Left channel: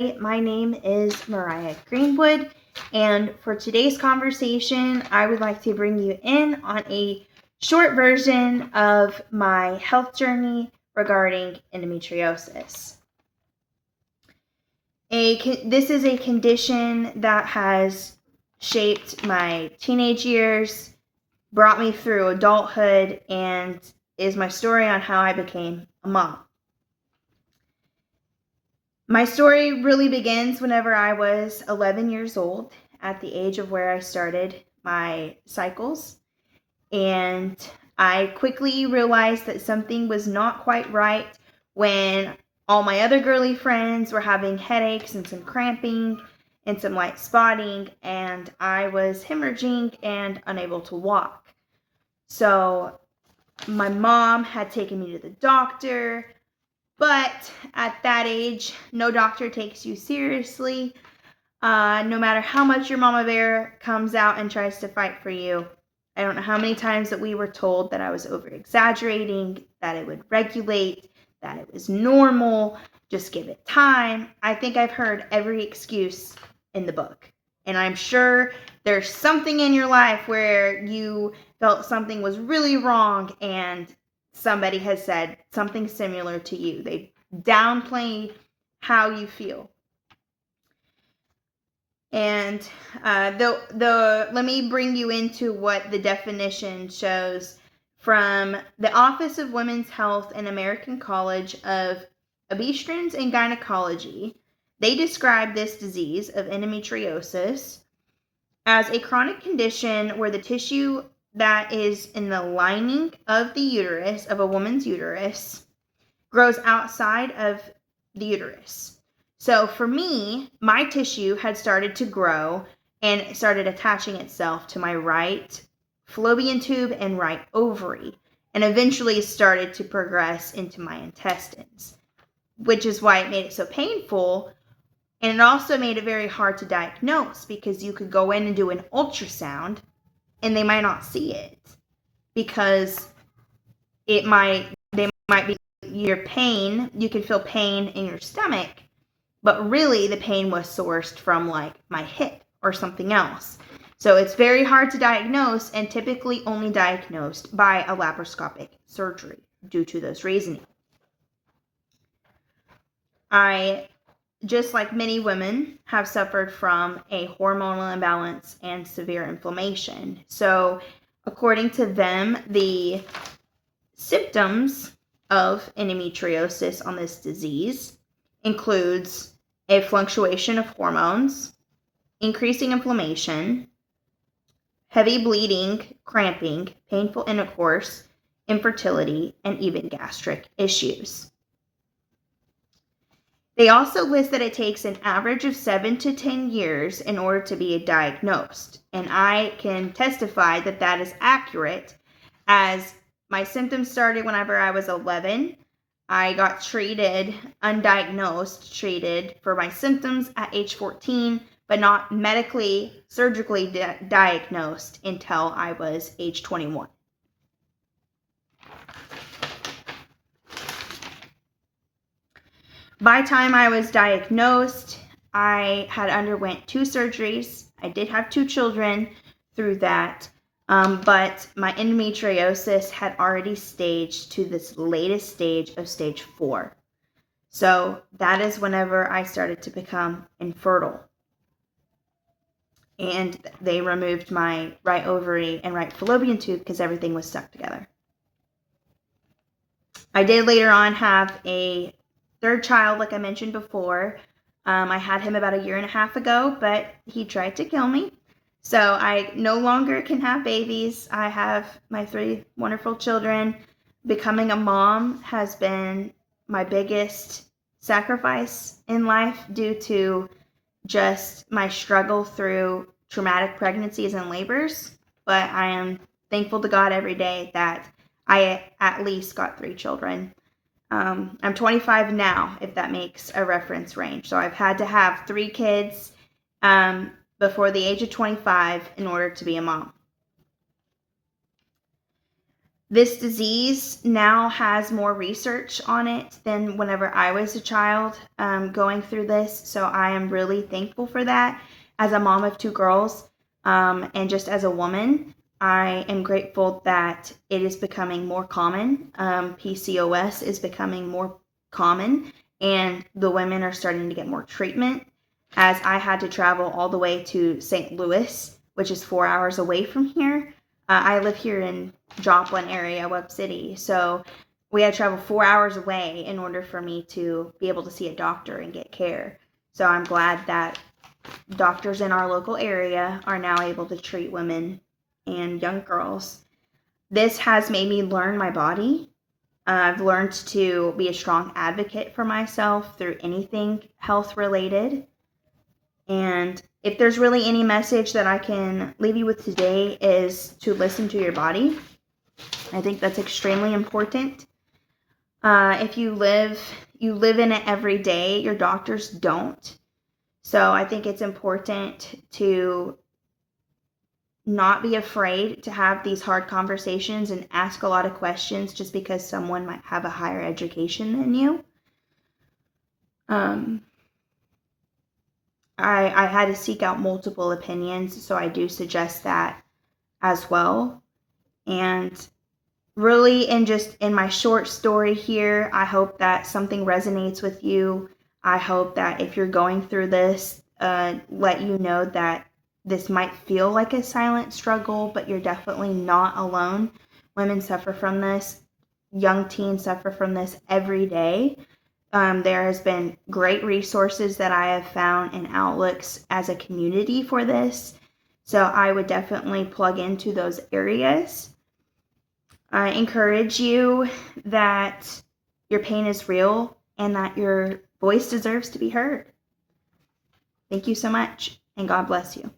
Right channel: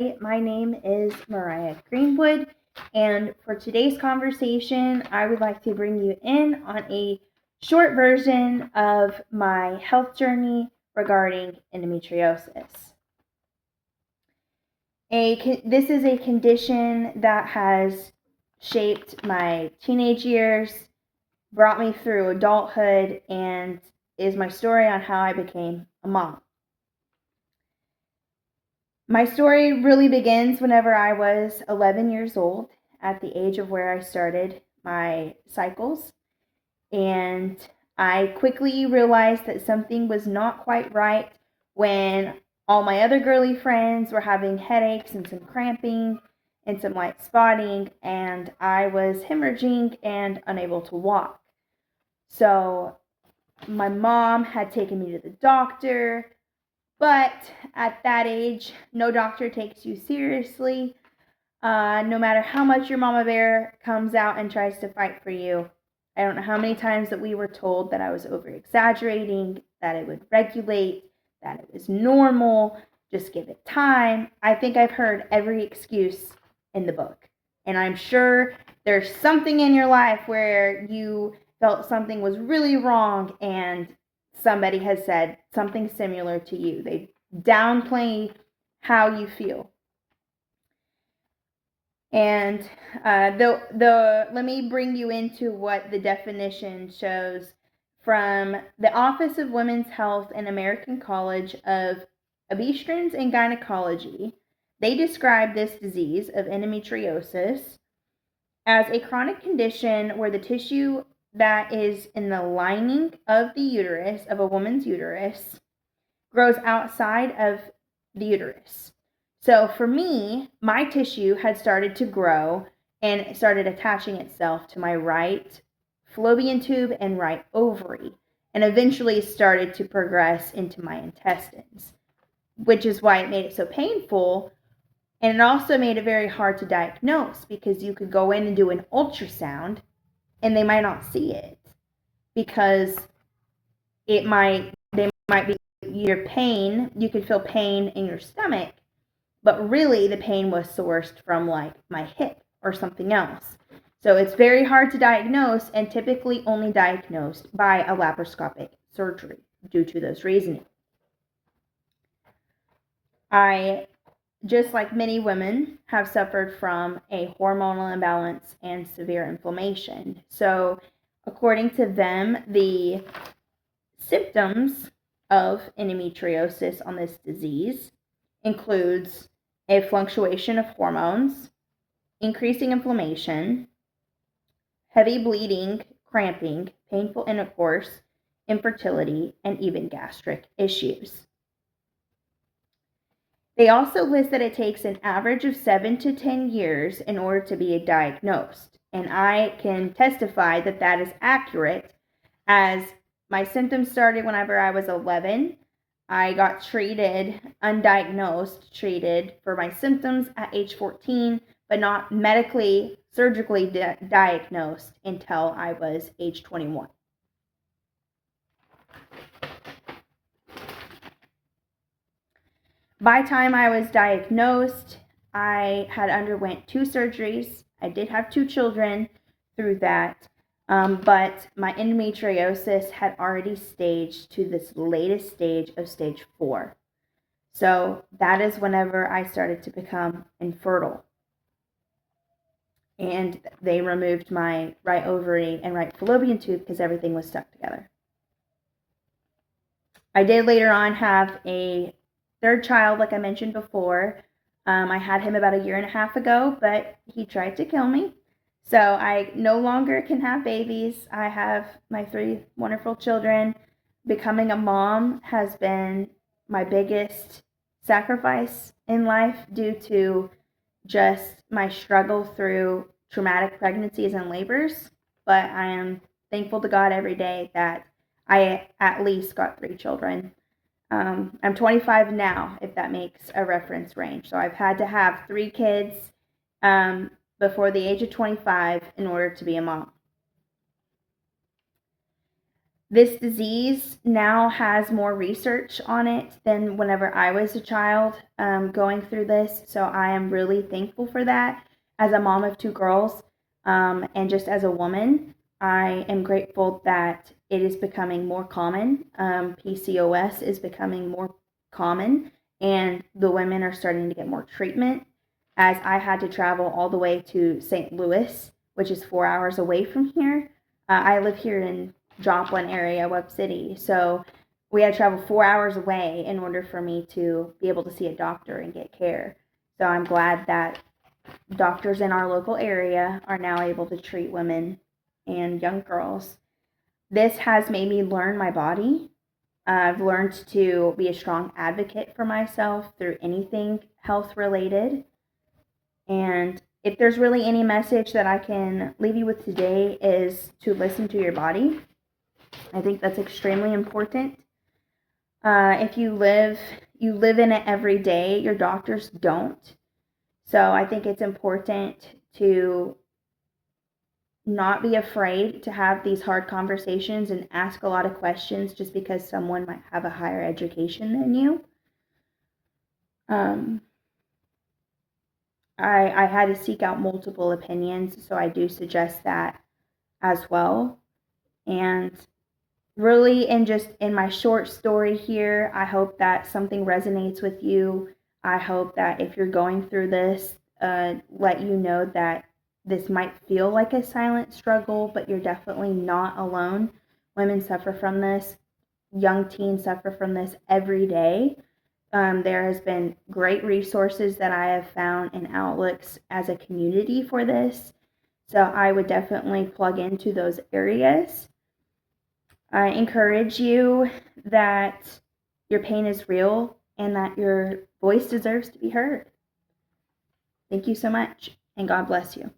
My name is Mariah Greenwood, and for today's conversation, I would like to bring you in on a short version of my health journey regarding endometriosis. This is a condition that has shaped my teenage years, brought me through adulthood, and is my story on how I became a mom. My story really begins whenever I was 11 years old, at the age of where I started my cycles. And I quickly realized that something was not quite right when all my other girly friends were having headaches and some cramping and some light spotting, and I was hemorrhaging and unable to walk. So my mom had taken me to the doctor. But at that age, no doctor takes you seriously. No matter how much your mama bear comes out and tries to fight for you. I don't know how many times that we were told that I was over exaggerating, that it would regulate, that it was normal, just give it time. I think I've heard every excuse in the book. And I'm sure there's something in your life where you felt something was really wrong and somebody has said something similar to you. They downplay how you feel. And let me bring you into what the definition shows from the Office of Women's Health and American College of Obstetricians and Gynecology. They describe this disease of endometriosis as a chronic condition where the tissue that is in the lining of the uterus, of a woman's uterus, grows outside of the uterus. So for me, my tissue had started to grow and it started attaching itself to my right fallopian tube and right ovary, and eventually started to progress into my intestines, which is why it made it so painful. And it also made it very hard to diagnose because you could go in and do an ultrasound and they might not see it because they might be your pain. You could feel pain in your stomach, but really the pain was sourced from like my hip or something else. So it's very hard to diagnose and typically only diagnosed by a laparoscopic surgery due to those reasons. I, just like many women, have suffered from a hormonal imbalance and severe inflammation. So according to them, the symptoms of endometriosis on this disease includes a fluctuation of hormones, increasing inflammation, heavy bleeding, cramping, painful intercourse, infertility, and even gastric issues. They also list that it takes an average of 7 to 10 years in order to be diagnosed, and I can testify that that is accurate, as my symptoms started whenever I was 11. I got treated, undiagnosed, treated for my symptoms at age 14, but not medically, surgically diagnosed until I was age 21. By the time I was diagnosed, I had underwent 2 surgeries. I did have 2 children through that, but my endometriosis had already staged to this latest stage of stage 4. So that is whenever I started to become infertile. And they removed my right ovary and right fallopian tube because everything was stuck together. I did later on have a 3rd child, like I mentioned before. I had him about a year and a half ago, but he tried to kill me. So I no longer can have babies. I have my 3 wonderful children. Becoming a mom has been my biggest sacrifice in life due to just my struggle through traumatic pregnancies and labors. But I am thankful to God every day that I at least got 3 children. I'm 25 now, if that makes a reference range. So I've had to have 3 kids before the age of 25 in order to be a mom. This disease now has more research on it than whenever I was a child going through this. So I am really thankful for that. As a mom of two girls, and just as a woman, I am grateful that it is becoming more common. PCOS is becoming more common, and the women are starting to get more treatment. As I had to travel all the way to St. Louis, which is 4 hours away from here. I live here in Joplin area, Webb City. So we had to travel 4 hours away in order for me to be able to see a doctor and get care. So I'm glad that doctors in our local area are now able to treat women and young girls. This has made me learn my body. I've learned to be a strong advocate for myself through anything health related. And if there's really any message that I can leave you with today is to listen to your body. I think that's extremely important. If you live in it every day, your doctors don't. So I think it's important to not be afraid to have these hard conversations and ask a lot of questions just because someone might have a higher education than you. I had to seek out multiple opinions, so I do suggest that as well. And really, just in my short story here, I hope that something resonates with you. I hope that if you're going through this, let you know that this might feel like a silent struggle, but you're definitely not alone. Women suffer from this. Young teens suffer from this every day. There has been great resources that I have found and outlooks as a community for this. So I would definitely plug into those areas. I encourage you that your pain is real and that your voice deserves to be heard. Thank you so much, and God bless you.